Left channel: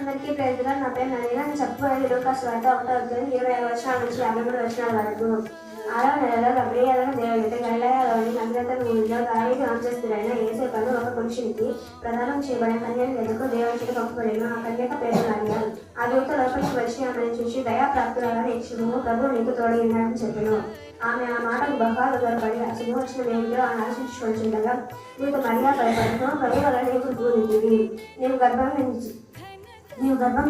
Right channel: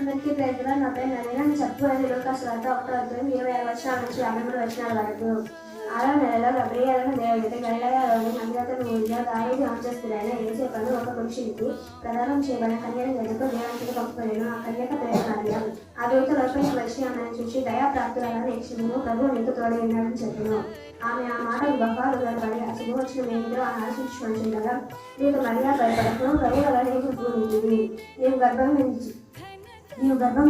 అందరికీ పేరుగా నా పేరు నవీన. నేను చెప్పబోయేది లూకాసు వార్త 1:25 నుంచి 53 వరకు. 6వ నెలలో గబ్రియేలు దేవుడికి గలిలయలోని నజరేతు ఊరిలో దావీదు వంశస్థుడైన యోసేపును ఒక పురుషునికి ప్రదానం చేయబడిన కన్యను ఎదుగు దేవుడికి పంపబడెను. ఆ కన్యక పేరు మరియ. ఆ దూత లోపలికి వచ్చి ఆమెను చూసి దయాప్రాప్తురాలైన యెహోవా ప్రభువు నీకు తోడై ఉన్నాడని చెప్పెను. ఆమె ఆ మాటకు బహుగా ఉదరపడి ఆ శుభవచనం ఏమిటో ఆలోచించుకొనుచుండగా దూత మరియ భయపడను, మరియ నీకు పూనింది, నీవు గర్భం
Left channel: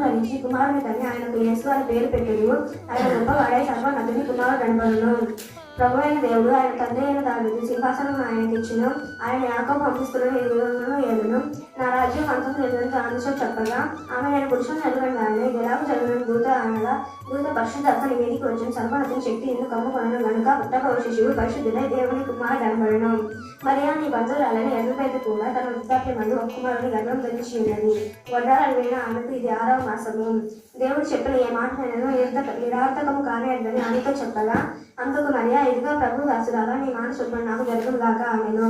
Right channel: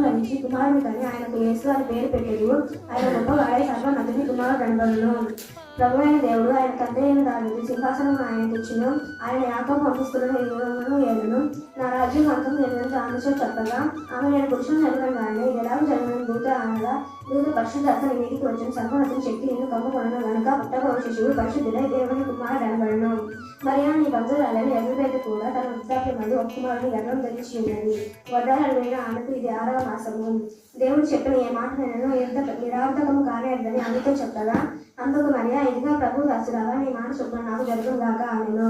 ధరించి కుమారుని కని ఆయనకు యేసు అని పేరు పెట్టెను. ఆయన గొప్పవాడై సర్వోన్నతుని కుమారుడు అనబడును. ప్రభువైన దేవుడు ఆయన తండ్రి అయిన దావీదు సింహాసనం ఆయనకి ఇచ్చెను. ఆయన యాకోబు వంశస్థులను ఏలును. నా రాజ్యం అంతం లేదంటే ఆమెతో చెప్పగా ఆమె నేను పురుషులను ఎదుగంగానే జలాకు జరుగుతున్న దూత అనగా దూత పరిశుద్ధాత్మ నీ మీదికి వచ్చిన సర్వోన్నతుని శక్తి ఎందుకు కమ్ముకొనను గనుక పుట్టబోవ శిశువు పరిశుద్ధుడై దేవుని కుమారుడు అనబడును. మరియా నీ బంధువురాలైన ఎలిజబెత్ కూడా తన వృద్ధాప్యమందు ఒక కుమారుని గర్భం ధరించి ఉన్నది. వడ్డారాలు విని ఆమెకు ఇది 6వ మాసము. దేవుడు చెప్పిన ఏ మాట నేను నిరార్థకము కానేదని ఆమెతో చెప్పగా అందుకు మరియా ఇదిగా ప్రభు దాసులాగా నీ మాట చొప్పున నాకు జరుగుగాక ఆమెను.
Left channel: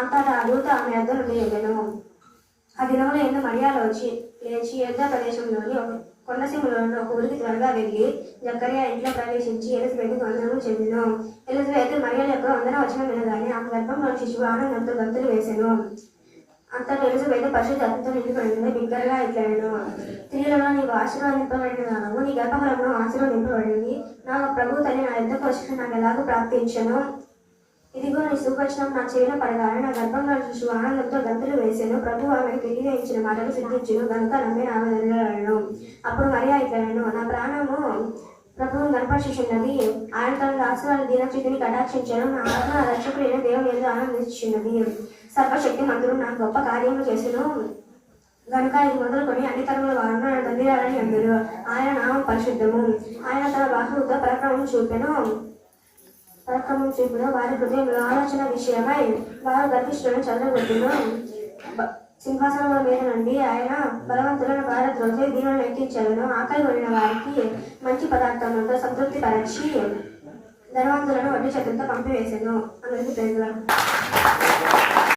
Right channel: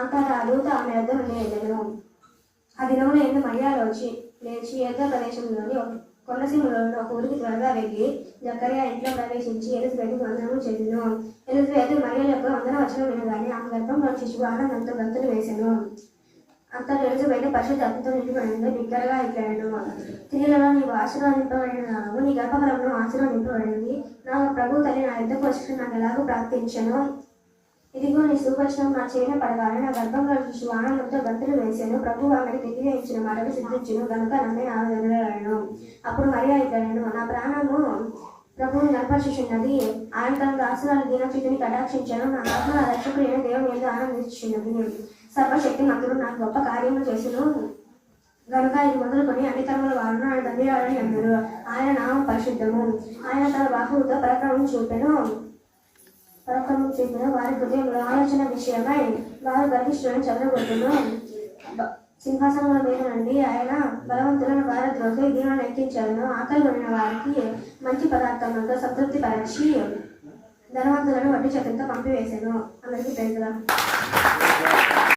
అంతటా ఆ దూత ఆమె యొద్ద నుండి వెళ్ళెను. ఆ దినములో ఎందు మరియా లేచి యుద్ధ ప్రదేశంలోని కొండసీమలోని ఒక ఊరికి త్వరగా వెళ్ళి జకర్యా ఇంట్లో ప్రవేశించి ఎలిజబెత్ వందనము చెప్పెను. ఎలిజబెత్ మరియ యొక్క వందన వచనం వినగానే ఆమె గర్భంలో శిశువు ఆనందంతో గంతులు వేసెను. అంతటా ఎలిజబెత్ పరిశుద్ధాత్మతో నిండిపడింది. బిగ్గరగా ఇట్లనెను, స్త్రీలలో నీవు ఆశీర్వదింపబడినదానవు, నీ గర్భఫలమును ఆశీర్వదింపబడినది. నా ప్రభు తల్లి నా యుద్ధకు వచ్చిన నాకు ఎలాగూ ప్రాప్తించెను. ఇదిగో నీ సువచనం నా చెవిలో పడగానే నా గర్భంలో శిశువు ఆనందంతో గంతులు వేసాను. ప్రభు ఆమెకు తెలియజేయించిన మాటలు సిద్ధించును గనుక నమ్మి ఆమె వెళ్ళను. అప్పుడు మరియా ఇట్లనెను, నా ప్రాణము ప్రభువుని గర్భశిష్యున్నది. ఆయన తన దాసురాలు దీనచితిని కటాక్షించను. నా ఆత్మ నా రక్షకుడైన దేవుని ఎందు ఆనందించున్నది. సర్వశక్తి మంతుడు నాకు గొప్ప కార్యములు చేస్తును గనుక ఇది మొదలుకొని అన్ని తరముల వారును ఆయన తండ్రిరాలని అందరు. ఆయన నామం పరిశుద్ధము. ఆయన తన బాహువుతో పరాక్రమం చూపెను. వారి హృదయంలో ఆలోచన విషయమై వారు గర్భిష్ఠులను చదవగొట్టును. సింహాసనముల మీద నుండి ఆయన బలవంతులను భారద్రోసి దీనులను ఎక్కించాలను. ఆకలి కొనిన వారికి మంచి పదార్థములతో సంతృప్తి పరచి ధనవంతులను వడ్డీ చేతులతో పంపివేసెను. అందరికీ తెలుసు.